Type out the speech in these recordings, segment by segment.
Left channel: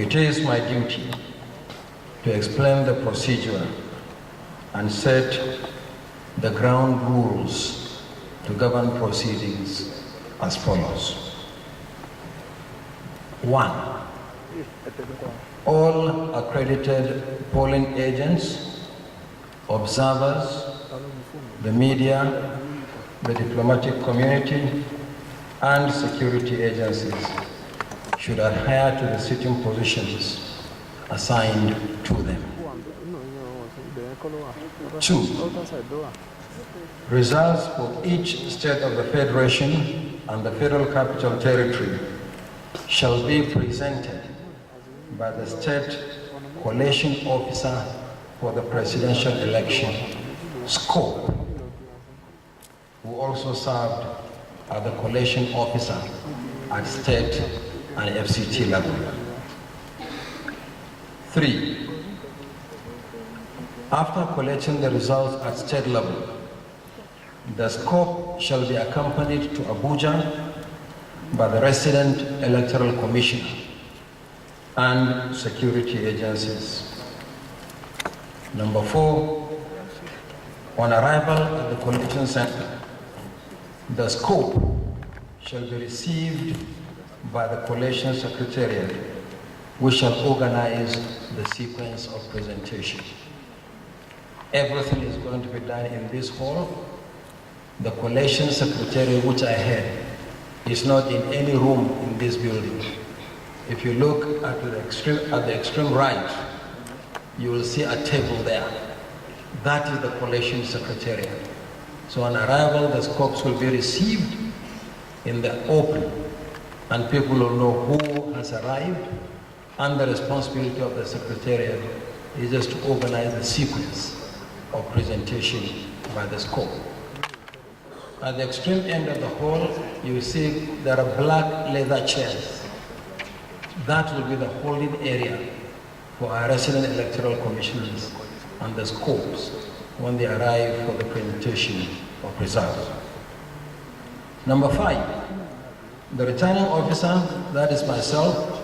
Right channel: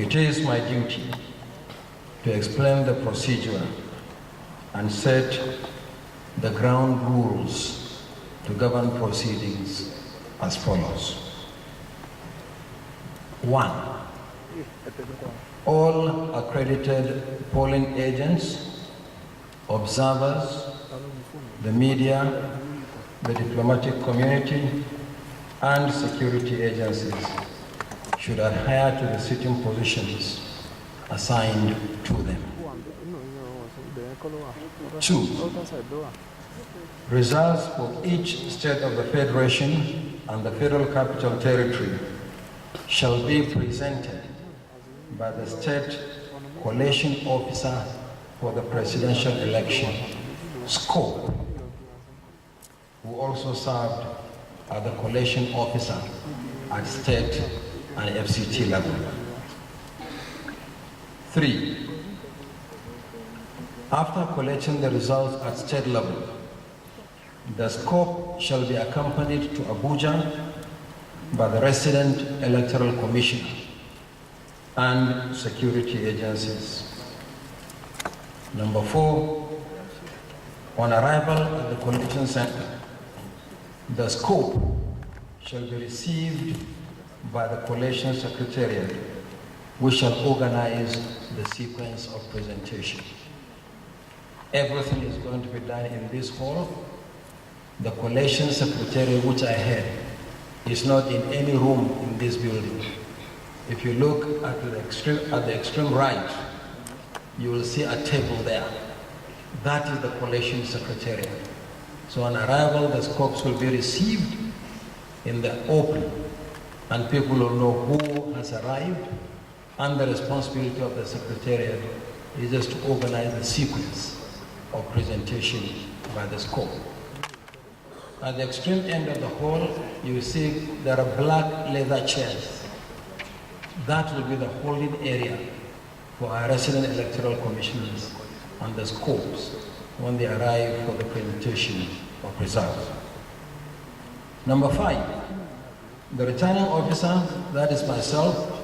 It is my duty to explain the procedure and set the ground rules to govern proceedings as follows. 1. All accredited polling agents, observers, the media, the diplomatic community, and security agencies should adhere to the sitting positions assigned to them. 2. Results for each state of the Federation and the Federal Capital Territory shall be presented by the State Collation Officer for the presidential election, SCOPE, who also served as the collation officer at state and FCT level. 3. After collecting the results at state level, the SCOPE shall be accompanied to Abuja by the resident electoral commissioner and security agencies. Number 4, on arrival at the collection center, the SCOPE shall be received by the collation secretariat, which shall organize the sequence of presentation. Everything is going to be done in this hall. The collation secretariat, which I had, is not in any room in this building. If you look at the extreme right, you will see a table there. That is the collation secretariat. So on arrival, the scopes will be received in the open, and people will know who has arrived, and the responsibility of the secretariat is just to organize the sequence of presentation by the scope. At the extreme end of the hall, you will see there are black leather chairs. That will be the holding area for our resident electoral commissioners and the scopes when they arrive for the presentation of results. Number 5, the returning officer, that is myself,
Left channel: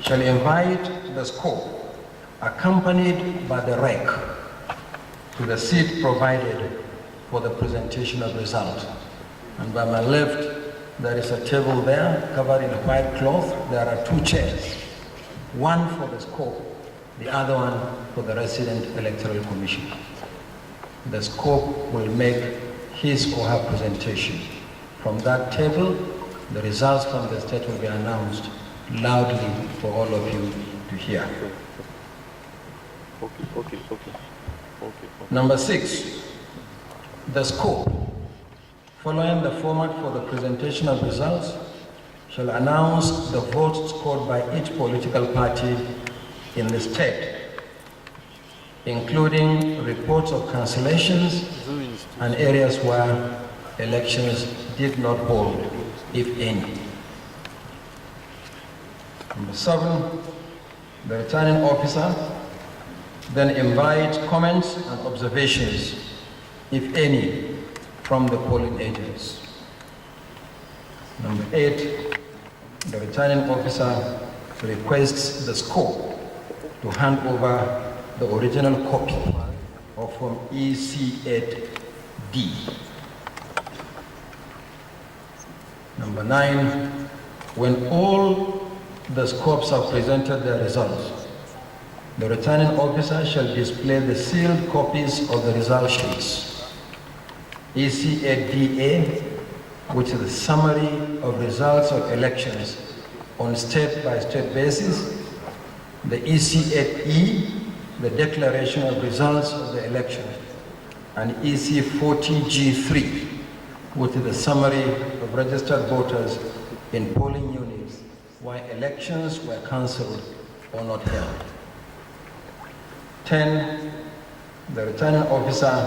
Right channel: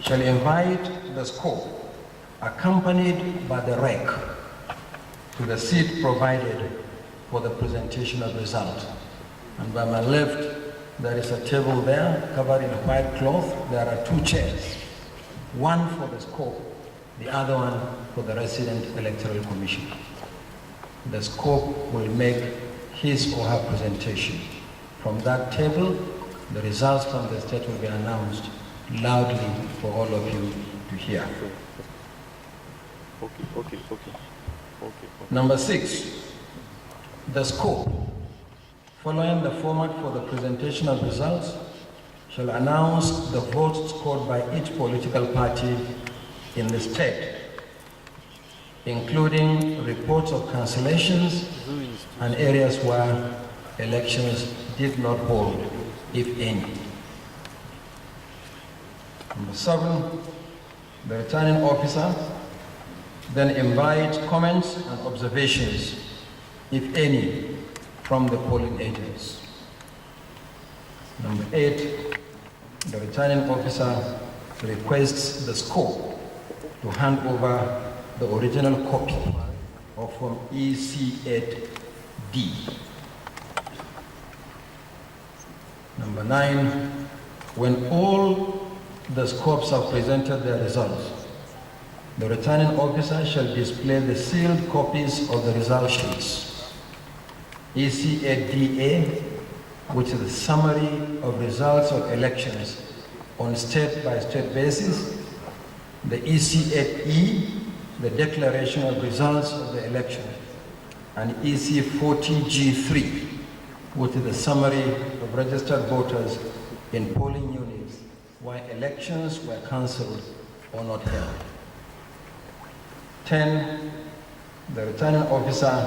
shall invite the scope, accompanied by the rec, to the seat provided for the presentation of results. And by my left, there is a table there covered in white cloth. There are 2 chairs, one for the scope, the other one for the resident electoral commissioner. The scope will make his or her presentation. From that table, the results from the state will be announced loudly for all of you to hear. Okay. Number 6, the scope, following the format for the presentation of results, shall announce the votes scored by each political party in the state, including reports of cancellations and areas where elections did not hold, if any. Number 7, the returning officer then invites comments and observations, if any, from the polling agents. Number 8, the returning officer requests the scope to hand over the original copy of Form EC8D. Number 9, when all the scopes have presented their results, the returning officer shall display the sealed copies of the result sheets, EC8DA, which is the summary of results of elections on state-by-state basis, the EC8E, the declaration of results of the election, and EC40G3, which is the summary of registered voters in polling units where elections were cancelled or not held. 10, the returning officer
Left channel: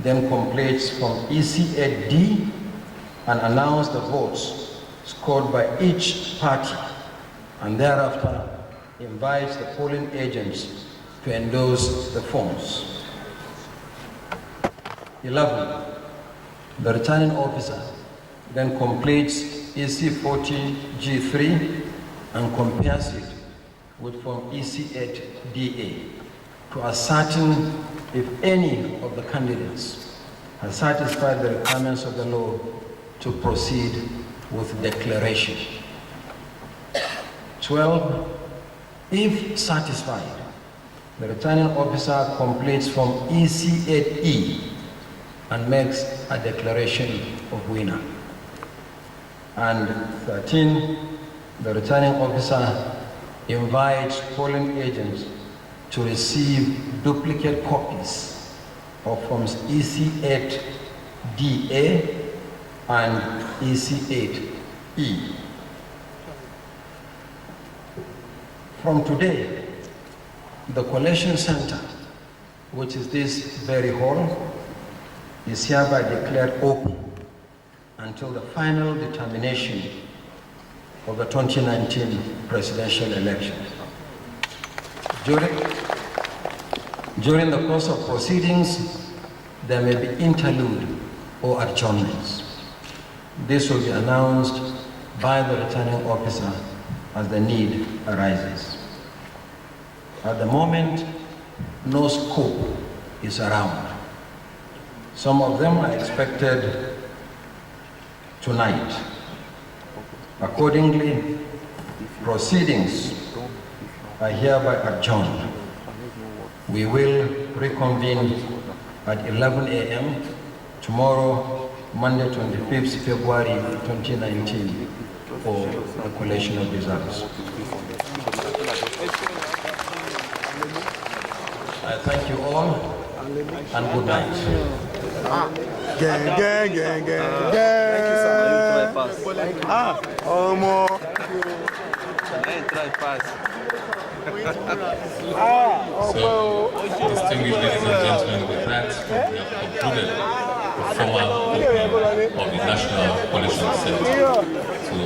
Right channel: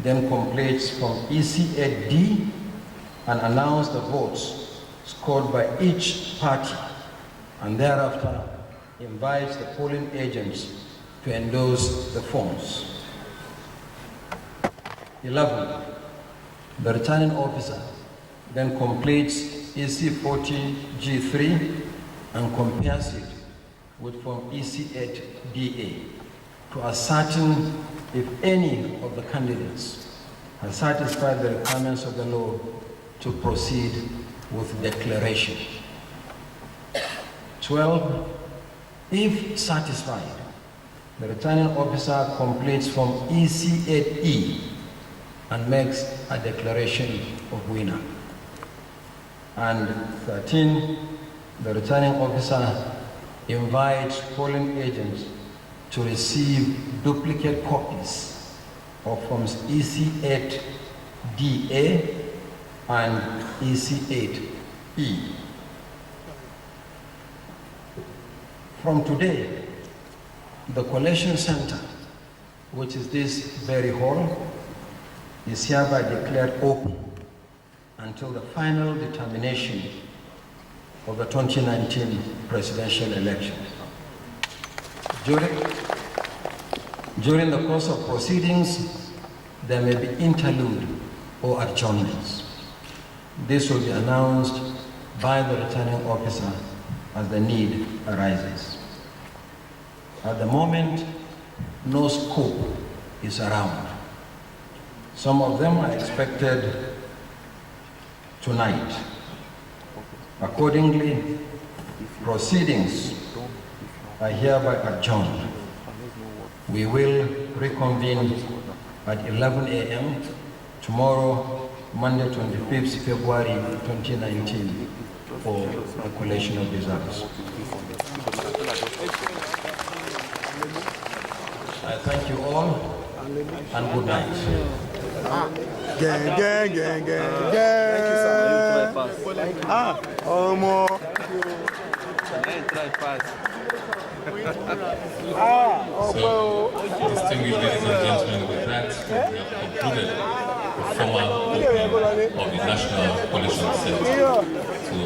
then completes from EC8D and announces the votes scored by each party, and thereafter invites the polling agents to endorse the forms. 11, the returning officer then completes EC40G3 and compares it with Form EC8DA to ascertain if any of the candidates has satisfied the requirements of the law to proceed with declaration. 12, if satisfied, the returning officer completes Form EC8E and makes a declaration of winner. And 13, the returning officer invites polling agents to receive duplicate copies of Forms EC8DA and EC8E. From today, the collation center, which is this very hall, is hereby declared open until the final determination of the 2019 presidential election. During the course of proceedings, there may be interlude or adjournments. This will be announced by the returning officer as the need arises. At the moment, no scope is around. Some of them are expected tonight. Accordingly, proceedings are hereby adjourned. We will reconvene at 11 a.m. tomorrow, Monday, 25th February 2019, for the collation of results. I thank you all, and good night. Gang, gang, gang, gang, gang. Thank you, sir. Oh, more. So, distinguished ladies and gentlemen, with that, we have concluded the formal opening of the National Coalition Center. So,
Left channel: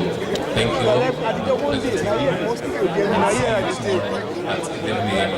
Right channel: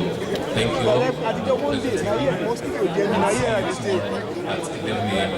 thank you all, and pleasant evening, and see you tomorrow at 11 a.m.